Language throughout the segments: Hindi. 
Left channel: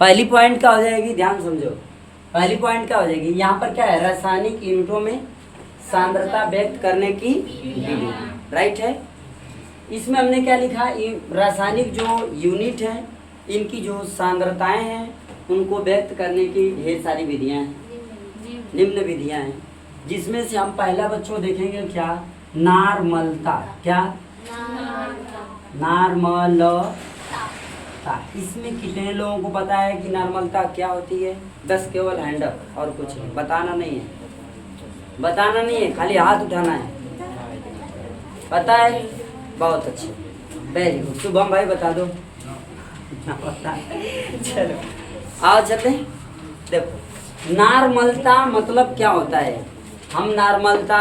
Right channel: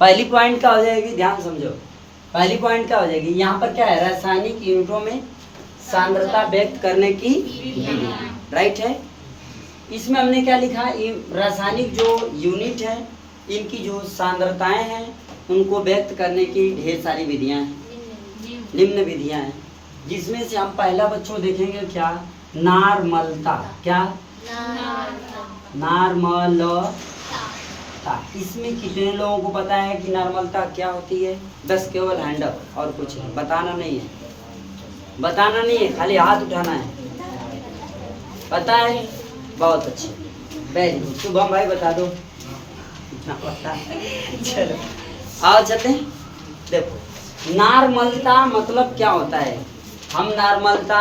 पहली पॉइंट क्या हो जाएगी, ध्यान समझो। पहली पॉइंट क्या हो जाएगी, यहाँ पर क्या है, रासायनिक यूनिटों में सांद्रता व्यक्त करने की विधि, राइट है। इसमें हमने क्या लिखा, रासायनिक जो यूनिट है इनकी जो सांद्रताएं हैं उनको व्यक्त करने की ढेर सारी विधियां हैं, निम्न विधियां हैं, जिसमें से हम पहला बच्चों देखेंगे क्या, नार्मलता। क्या, नार्मलता। इसमें कितने लोगों को पता है कि नार्मलता क्या होती है? बस केवल हैंड अप, और कुछ नहीं, बताना नहीं है, बताना नहीं है, खाली हाथ उठाना है। पता है? बहुत अच्छी, वेरी गुड। शुभम भाई बता दो। चलो आओ चलते हैं। देखो नार्मलता मतलब क्या होता है, हम नार्मलता,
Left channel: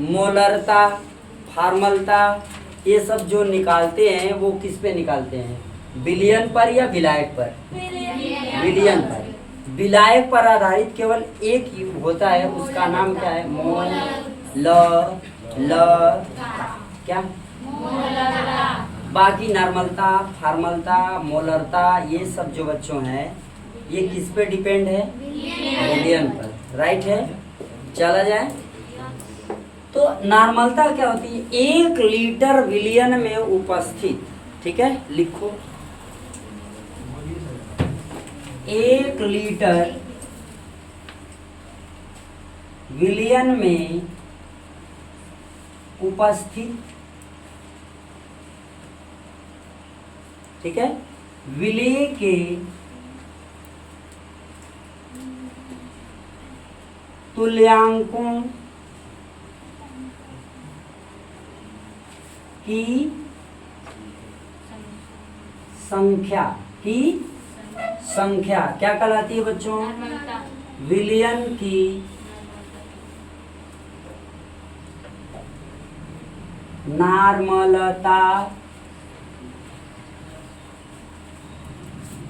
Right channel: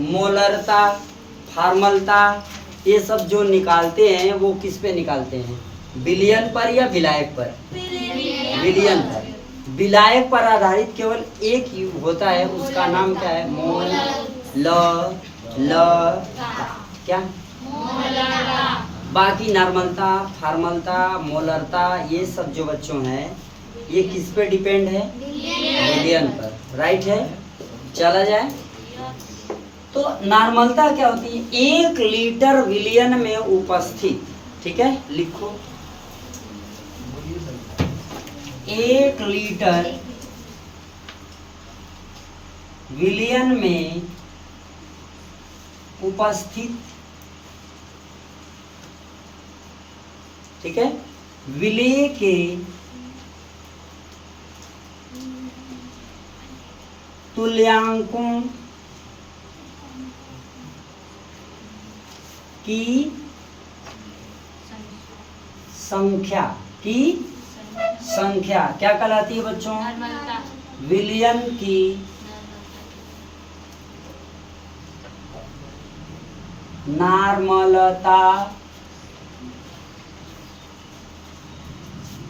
मोलरता, फार्मलता ये सब जो निकालते हैं वो किस पे निकालते हैं, विलयन पर या विलायक पर? विलयन पर। विलायक पर आधारित केवल एक ही होता है, उसका नाम क्या है, मोलरता। क्या? बाकी नार्मलता, फार्मलता, मोलरता ये सब जो बच्चों हैं ये किस पे डिपेंड है, विलयन पर, राइट है। चला जाए तो नार्मलता क्या होती है, 1 लीटर विलयन में उपस्थित, ठीक है लिखो, 1 लीटर विलयन में उपस्थित, ठीक है, विलेय के तुल्यांकों की संख्या, क्या कहलाती है बच्चों, विलयन की नार्मलता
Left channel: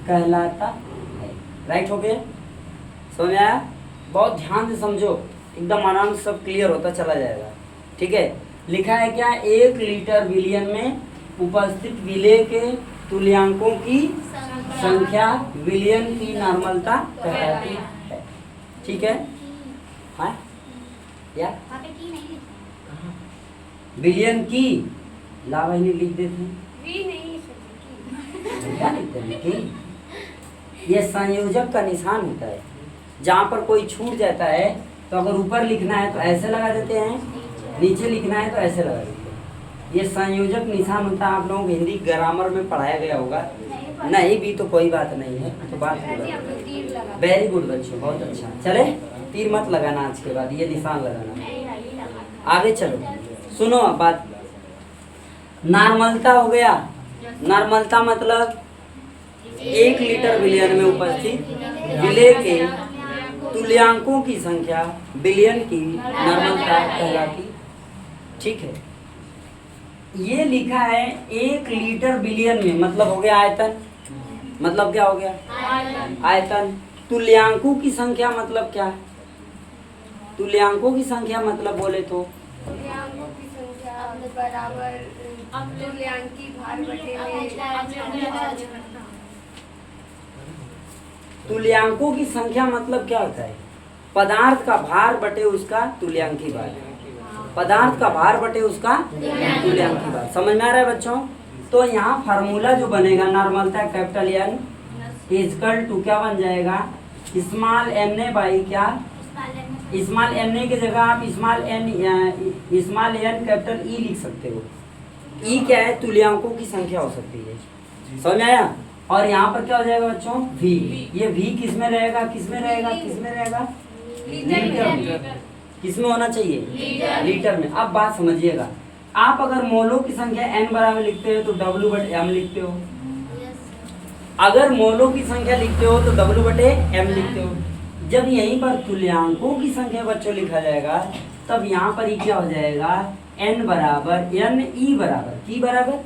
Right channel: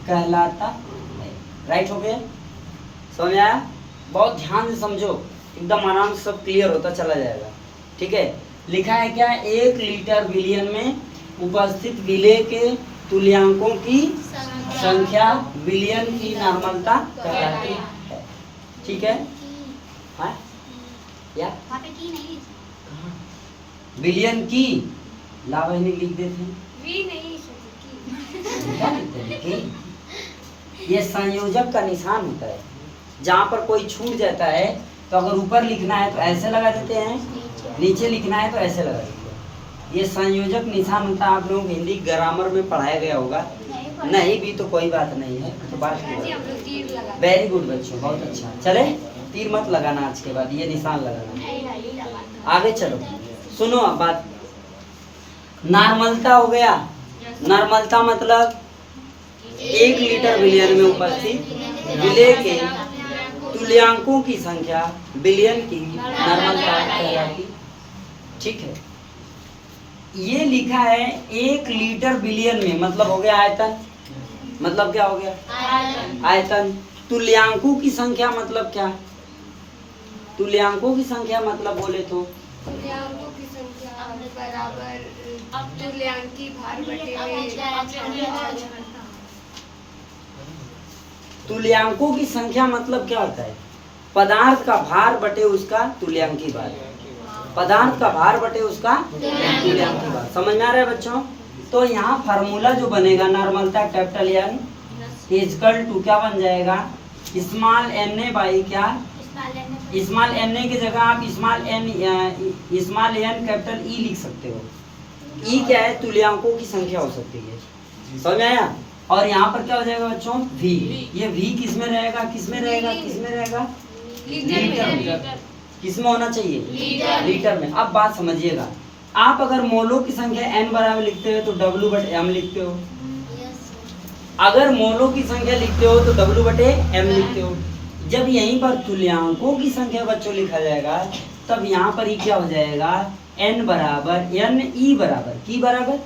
कहलाता है, राइट हो गया, समझ आया? बहुत ध्यान से समझो, एकदम आराम से सब क्लियर होता चला जाएगा, ठीक है। लिखा है क्या, 1 लीटर विलयन में उपस्थित विलेय के तुल्यांकों की संख्या विलयन की नार्मलता कहलाती है, ठीक है। हाँ या विलयन की लावण्य लिख देते हैं, क्या लिखते हैं की? ये संयोजक का निशान होता है, जहाँ पर कोई छूट जाता है तो अगर ऊपर लिखना है तो ऐसे लगा देते हैं, नीचे लिखना है तो ऐसे लगा देते हैं, ये संयोजक निशान होता है। आप लोगों को हिंदी ग्रामर में पढ़ाया गया होगा, नहीं भी तो कोई बात नहीं है, तो बात वेरी गुड बच्चों, बहुत अच्छा। चले तीर मत लगाना आज के बाद, ये निशान लगाना। आगे चलो, सुनो अब बात, नार्मलता हो गया, नार्मलता मतलब 1 लीटर विलयन में उपस्थित विलेय के तुल्यांकों की संख्या विलयन की नार्मलता कहलाती, ठीक है। ये लिखा है 1 लीटर विलयन में, मतलब हो गया आयतन, मतलब क्या हो गया, आयतन। तुल्यांकों की संख्या मतलब क्या, तुल्यांकों की संख्या मतलब बोले तो तुल्यांकों की संख्या मतलब क्या होता है, पदार्थ का भार बटे उसका तुल्यांकी भार, पदार्थ का भार बटे उसका तुल्यांकी भार, समझ में आ रहा है बच्चों? तो यहाँ फार्मूला जो बनेगा नार्मलता कैपिटल एन इजकल टू क्या बन जाएगा, स्मॉल एन ए बाई क्या, स्मॉल एन ए की जगह आप स्मॉल एन कैपिटल ई लिख सकते हो। ई क्या है, तुल्यांकों की संख्या हो सकती है, समझ में आया? और यहाँ पर क्या हो जाएगा बच्चों, V। ये V किस में रहेगा, किस में रहेगा, किस में रहेगा, लीटर। किस में होना चाहिए, लीटर में। अब बात समझिएगा, आप अगर मोलों की संख्या n बराबर लिखते हो तो W/m लिखते हो, अगर मोलों की संख्या लिखते हो तो W/m लिखते हो। जब यहीं पर तुल्यांकों की संख्या बच्चों लिखा जाएगा तब यहाँ पर ही क्या हो जाएगा, n बराबर n e बराबर की बराबर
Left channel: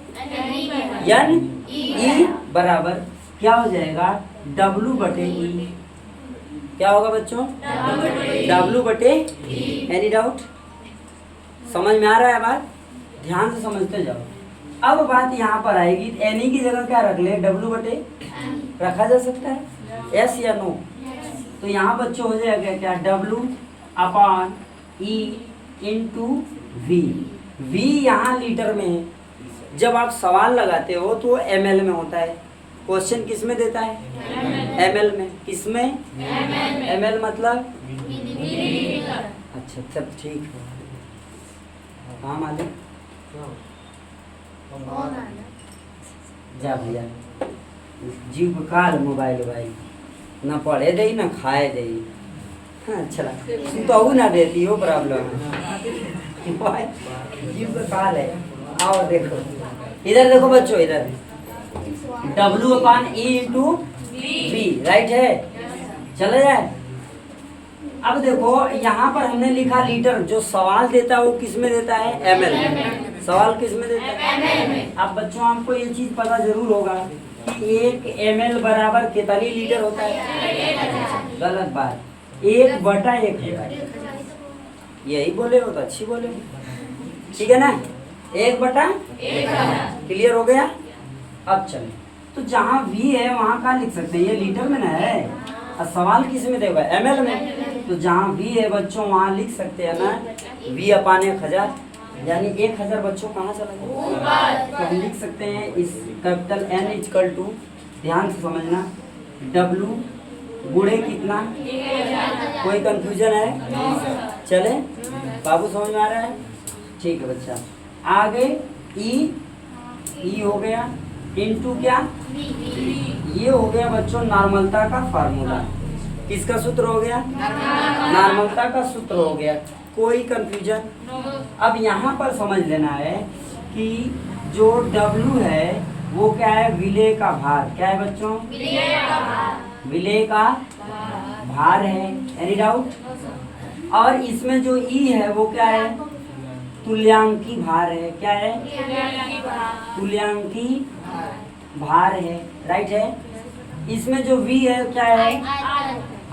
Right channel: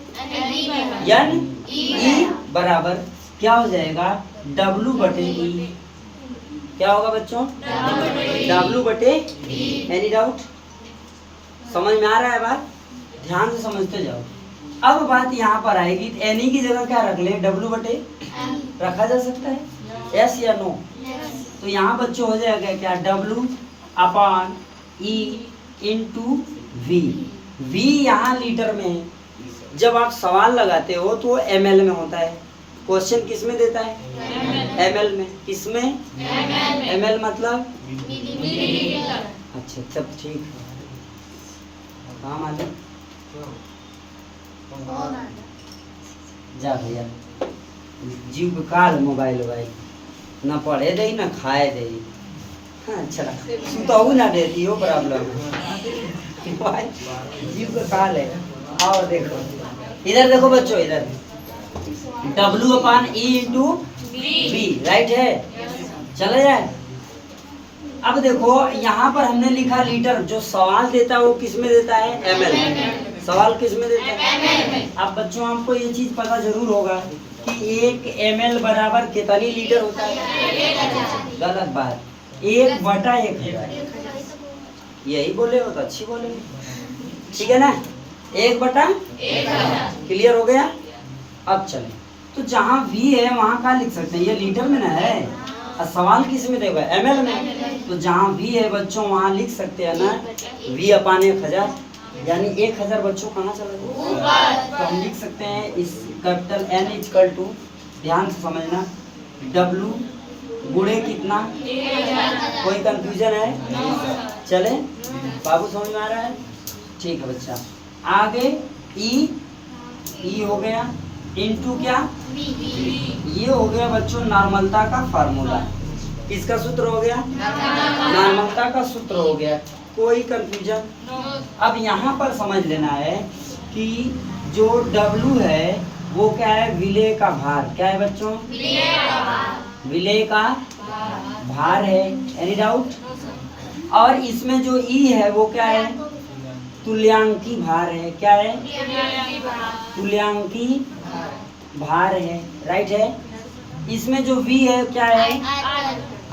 n e बराबर क्या हो जाएगा, W/e। क्या होगा बच्चों, W/e। Any doubt? समझ में आ रहा है बात? ध्यान से समझते जाओ। अब बात यहाँ पर आएगी, एनी की जगह क्या रख ले, डब्ल्यू बटे रखा जा सकता है, यस या नो? तो यहाँ बच्चों हो जाएगा क्या, W upon E into V. V यहाँ लीटर में है, जब आप सवाल लगाते हो तो ml में होता है। क्वेश्चन किस में देता है, ml में। किसमें, ml मतलब, अच्छा तब ठीक है। हाँ मालिक जा भैया, जीव काल मोबाइल ना पढ़े दे ना खाए दे। हाँ चला सुताऊ ना देती हो, प्रॉब्लम है जीव का काल है। और देखो इधर देखो बच्चों, इधर W अपान E इंटू V, राइट है, चले जाए। अब देखो यहाँ पर हमने लिखा लीटर, जो सवाल देता है वो किस में देता है, ml में। सवाल किस में देता है। अब बच्चों आपको ये चीज पता जरूर होगा कि 1 ml बराबर कितनी लीटर होता है, गलत बात, 1/1000। यही बोले हो तो अच्छी बोले, ठीक है ना, 1/1000। क्लियर हो गया। अब चले, तो जहाँ V है वहाँ का लिख सकते हैं, ये लीटर में ना है, और सवाल किस में देगा, ml में। तो जहाँ V है बच्चों वहाँ लिख सकते हैं ना V अपान 1000, यानी 1000 बच्चों कहाँ चला गया, तो हम लिख सकते हैं इस कैपिटल N इक्वल टू, ध्यान से समझना, W गुणे कितना, कोई कंफ्यूजन है, चले बाबू समझ में आ रहा है, ठीक है बच्चा। आगे ई हो गया इनटू क्या, ये हो गया बच्चों नॉर्मलता का फार्मूला। किसका सूत्र हो गया, नॉर्मलता का सूत्र हो गया, कोई कंफ्यूजन। अब यहाँ पर समझ लेना है कि जो W है वो क्या है, विलेय का भार। क्या है बच्चों, विलेय का भार है, एनी डाउट। और इसमें जो E है वो क्या है, तुल्यांकी भार है। क्या है, तुल्यांकी भार है, राइट है। इसमें जो V है क्या है,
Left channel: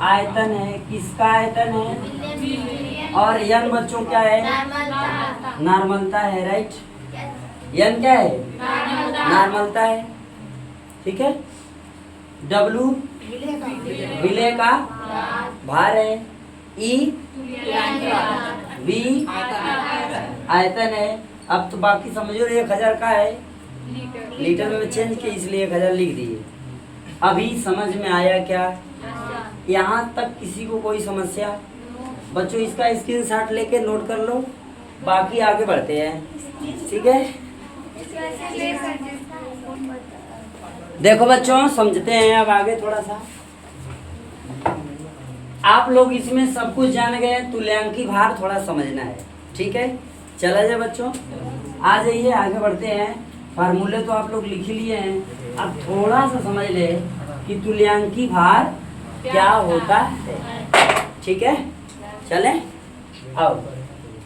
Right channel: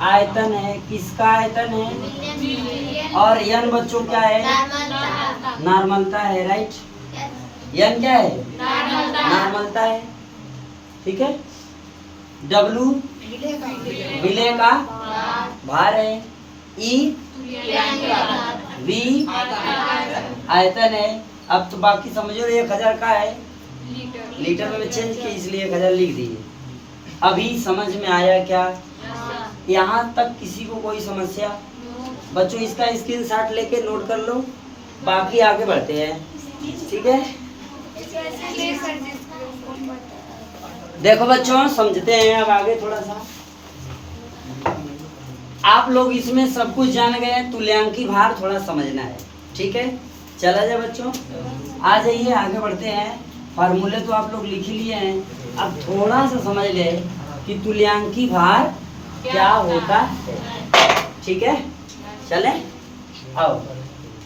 आयतन है। किसका आयतन है, और N बच्चों क्या है, नॉर्मलता है, राइट। N क्या है, नॉर्मलता है, ठीक है। W विलेय का भार है, E V आयतन है। अब तो बाकी समझो 1000 का है, लीटर में चेंज किया इसलिए 1000 लिख दिए। अभी समझ में आया क्या, यहाँ तक किसी को कोई समस्या बच्चों, इसका स्क्रीनशॉट लेके नोट कर लो, बाकी आगे बढ़ते हैं, ठीक है। देखो बच्चों समझते हैं अब आगे थोड़ा सा। आप लोग इसमें सब कुछ जान गए, तुल्यांकी भार थोड़ा समझना है, ठीक है। चला जाए बच्चों, आ जाइए आगे बढ़ते हैं। फार्मूले तो आप लोग लिख ही लिए हैं, अब थोड़ा सा समझ ले कि तुल्यांकी भार क्या होता है, ठीक है। चले आओ,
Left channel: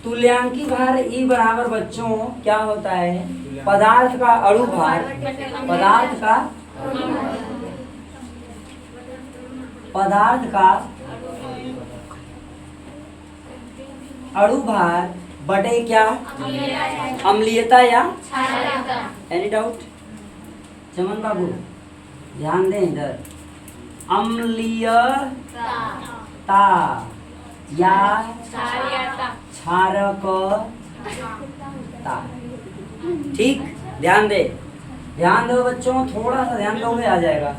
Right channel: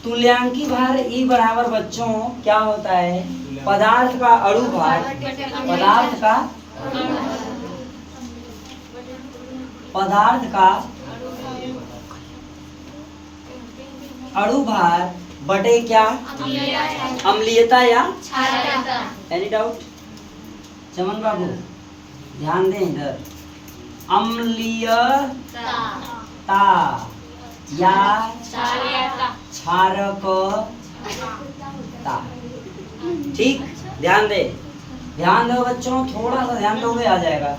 तुल्यांकी भार E बराबर बच्चों क्या होता है, पदार्थ का अणु भार, पदार्थ का अणु भार बटे क्या, अम्लीयता या एनी डाउट। चमन बाबू ध्यान दें इधर, अम्लीयता या क्षारकता, ठीक। ध्यान दो बच्चों, थोड़ा सा ध्यान दोगे आ जाएगा।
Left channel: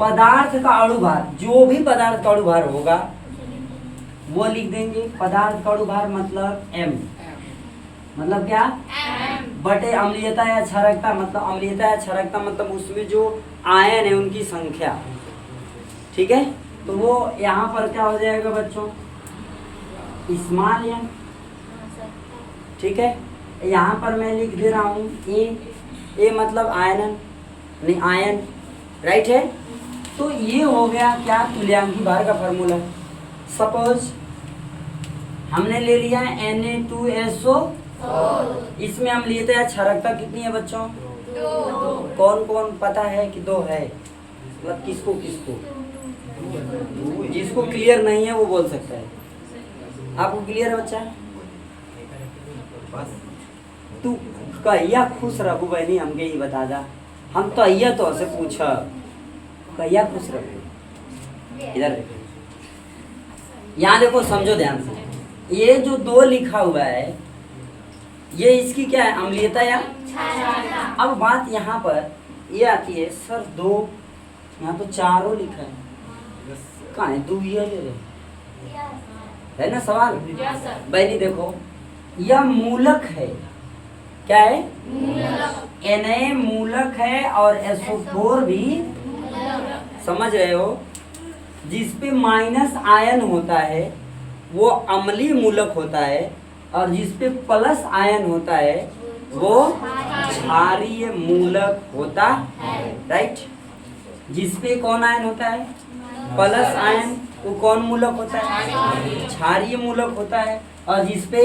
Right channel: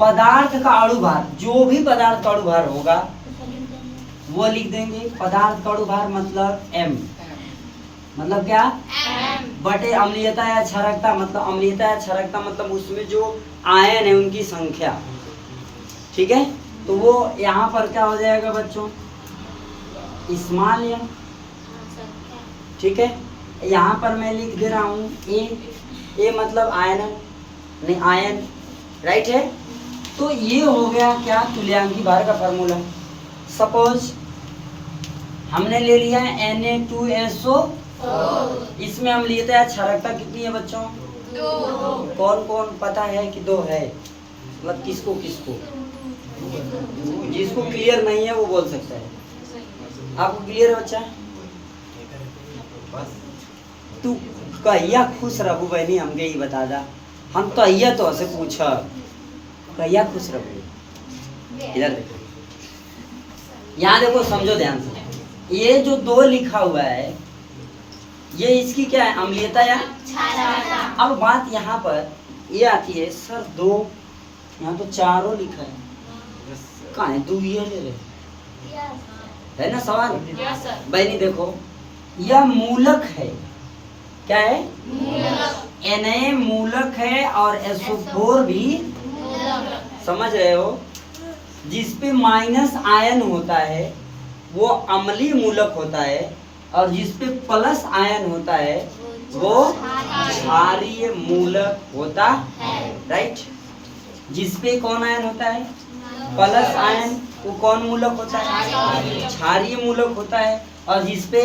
पदार्थ का अणु भार, जो भी पदार्थ का अणु भार होगा वो लिख देंगे। पदार्थ का अणु भार मतलब M, मतलब क्या, बटे अम्लीयता या क्षारकता, मतलब अम्लीयता या क्षारकता मतलब उसमें जो आयन है उनकी संख्या, ठीक है। तो वो यहाँ पर क्या हो जाएगा बच्चों, स्मॉल m, ठीक है। यहाँ पर मैं लिख दे रहा हूँ ए मतलब आयन, नहीं आयन, राइट है। तो ये हो गया क्या, तुल्यांकी भार का फॉर्मूला। सपोज हमने ले लिया है Na2SO, इसमें अम्लीयता या क्षारकता कितनी है बच्चों, 2। कौन कौन पता है कि 2 है, मतलब किसको जिसको क्लियर नहीं है वो बोल सकता है। आपको क्लियर है बच्चा, तू कहिया खुश रहू बहनी हमके ही बता दा। हम तो अहिया तो से पूछ कहिया खुश रहू। इधर देखो, यहाँ देखो, समझो ध्यान से। ये जो 2 लिखा हुआ है ये इसकी क्या है, अम्लीयता या क्षारकता। अब बात यहाँ पर ये आती है, सर 2, यहाँ तो 4 लिखा है, कहाँ है 2 ये ले रहे है ना सवाल। बहनी देखो, यह मूलक है, क्या है, Na मूलक है और SO4 भी, समझ रहे हो। जिसपे माइनस आयन होता है वो अम्लीय मूलक होता है, और जिसपे प्लस आयन होता है वो क्षारीय मूलक होता है, राइट। जिसपे कौन आयन होता है, प्लस आयन, वो कौन मूलक होता है, क्षारीय मूलक होता है। और जिसपे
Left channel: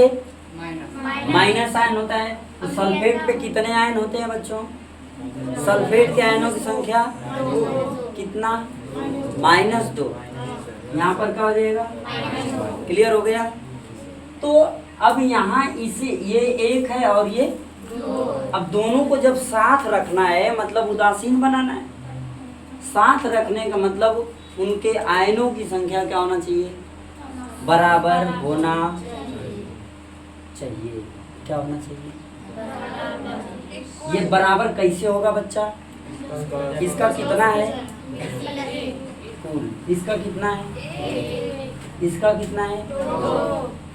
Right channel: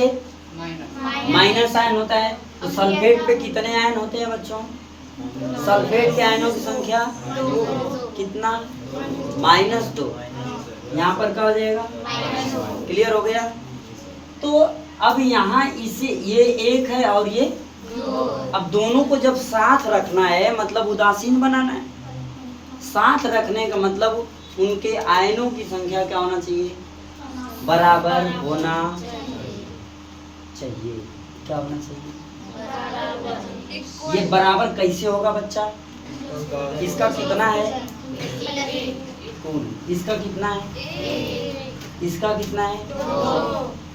माइनस आयन होता है, तो सल्फेट पे कितने आयन होते हैं बच्चों, सल्फेट के आयनों की संख्या कितना, -2। यहाँ पर क्या हो जाएगा, क्लियर हो गया। तो अब यहाँ इसे ये 1 है और ये 2, अब दोनों को जब साथ रखना है मतलब उदासीन बनाना है। साथ रखने का मतलब उनके आयनों की संख्या क्या होना चाहिए, बराबर होना चाहिए। क्या होना चाहिए, ये बराबर कैसे होगा बच्चा, इसका कितना है कुल, इसका कितना है, इसका कितना है,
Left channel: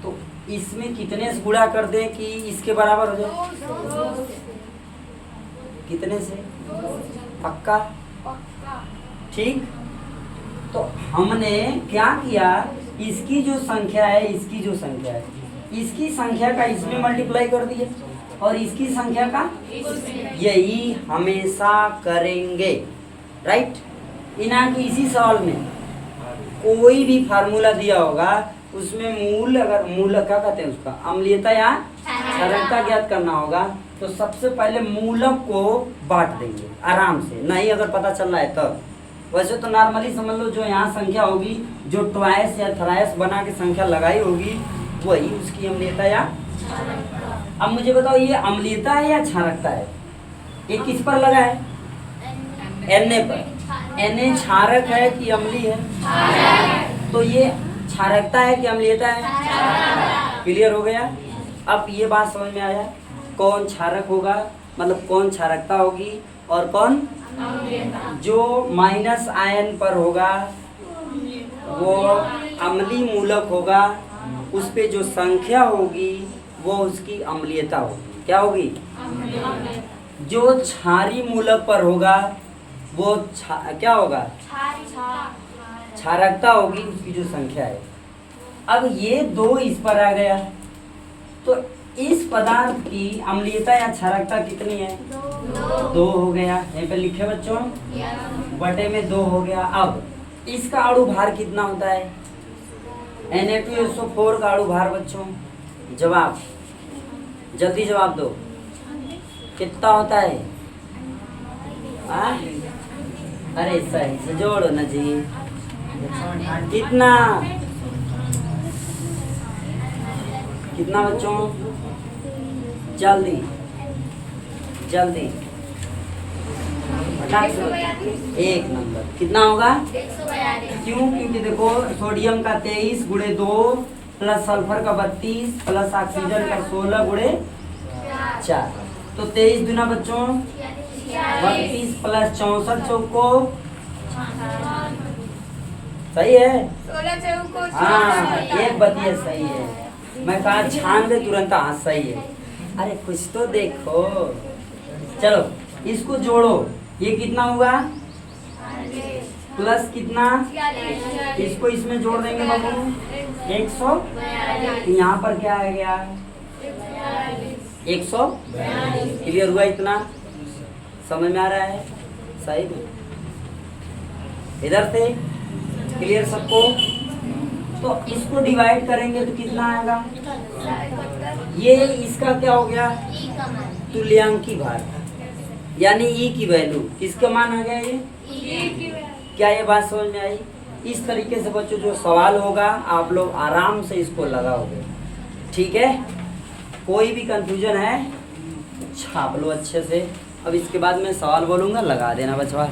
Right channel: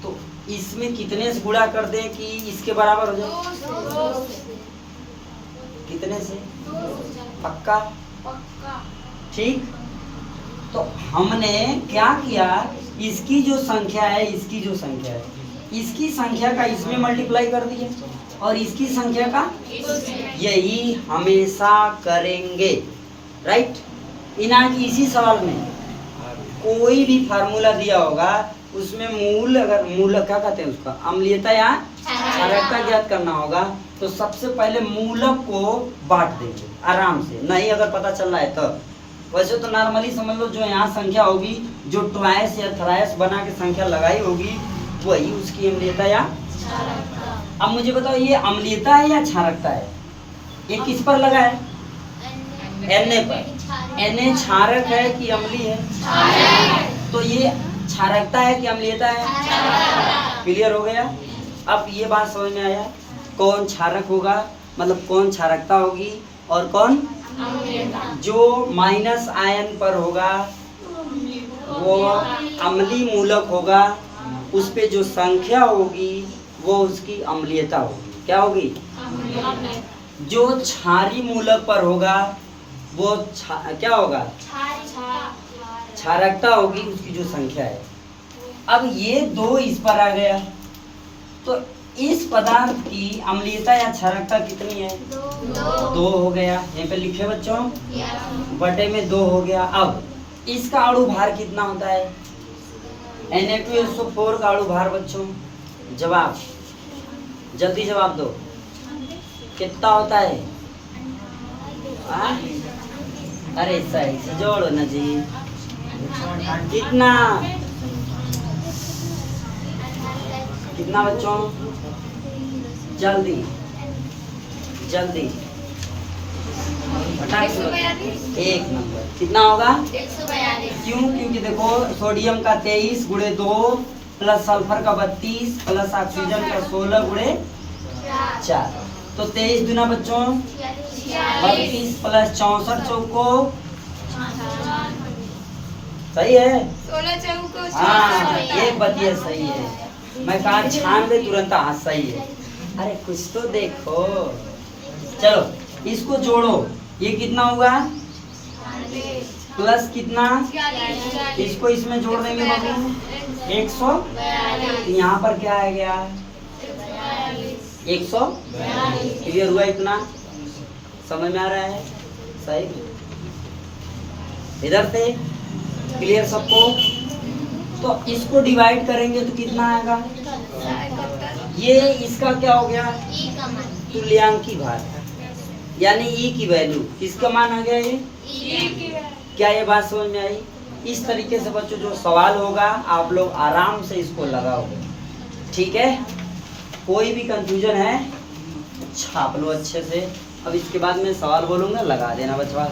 तो इसमें कितने से गुणा कर दें कि इसके बराबर हो जाए, कितने से, पक्का, ठीक। तो हमने क्या किया, इसकी जो संख्या है, इसकी जो संख्या है, इसकी संख्या का इसमें मल्टीप्लाई कर दिए और इसकी संख्या का, यही हमेशा करेंगे, राइट। इना की इसी सवाल में कोई भी फार्मूला दिया होगा उसमें मूल, अगर मूल क्या कहते हैं उसका, अम्लीयता या क्षारकता ज्ञात करना होगा तो सबसे पहले मूलक को बांट देंगे आराम से, नहीं अगर पता चल रहा है तब। वैसे तो नॉर्मली समझ लो, जो यहाँ संख्या होगी, जो ट्वाइस या थ्राइस बना के संख्या लगाई होगी, वही उसकी अम्लीयता या। अब मुझे बताओ, ये अम्लीयता है या क्षारकता है, ये किस पर लगा है, Na पर। Na क्षारक है कि अम्लीय है, तो ये क्षारकता है कि अम्लीयता है, क्लियर हो गया। अब ये बात समझ में आया, कौन क्षारक होगा, मतलब कौन क्षारकता होगी और कौन, जो माइनस आयन पर होगा वो अम्लीय मूलक होगा, उस पे जो संख्या होगी वो उसकी अम्लीयता होगी, क्या होगी, जो क्षारीय मूलक पर होगा वो क्या होगा, क्षारकता होगी, उसकी जो संख्या है। अब ये 2 इस पर आ गया, तो इस पदार्थ की अम्लीयता या क्षारकता कितनी है, 2 हो गया, यहीं पे लिखे बच्चों, बटे में 2 हो गया। अब इसका अणु भार कितना होता है, Na2SO4 का अणु भार बच्चों, जवाब जल्दी जवाब दो, कितना होता है, अरे सही से जोड़ो ना जी, कितना कितना बच्चों, जल्दी जल्दी, 1 नंबर, कितना होगा, 142। क्यों, क्योंकि देखो सोडियम का 23 गुणे 2 प्लस सल्फर का 32 प्लस ऑक्सीजन का 16 गुणे 4, तो 23 दुना बच्चों 32 प्लस 64 चौको, सही है, 16 चौको, हाँ, एक बतिया सही है। मैं कहा 96 तुरंत, हाँ सही है। अरे कुछ तो देखो, चलो इसको जोड़ो, ये कितना हुआ, प्लस कितना, इसको इसमें जोड़ देंगे बाबू 100, यहाँ पर क्या आ गया 100, क्लियर हुआ, इतना समझ में आ रहा है, सही, इधर से क्लियर सबको। तो इसको डिवाइड करेंगे तो कितना आएगा, ये इसका क्या हो गया, तुल्यांकी भार, यानी ई की वैल्यू, किसका मान आ गया ये, क्या ये बात समझ में आई। इस तरीके से बच्चों जो सवाल होगा आप लोग आराम से इसको लगाओगे, ठीक है। कोई भी कंफ्यूजन है छाप लो अच्छे से। अब इसके बाद मैं सवाल बोलूंगा, लगा देना बचवा।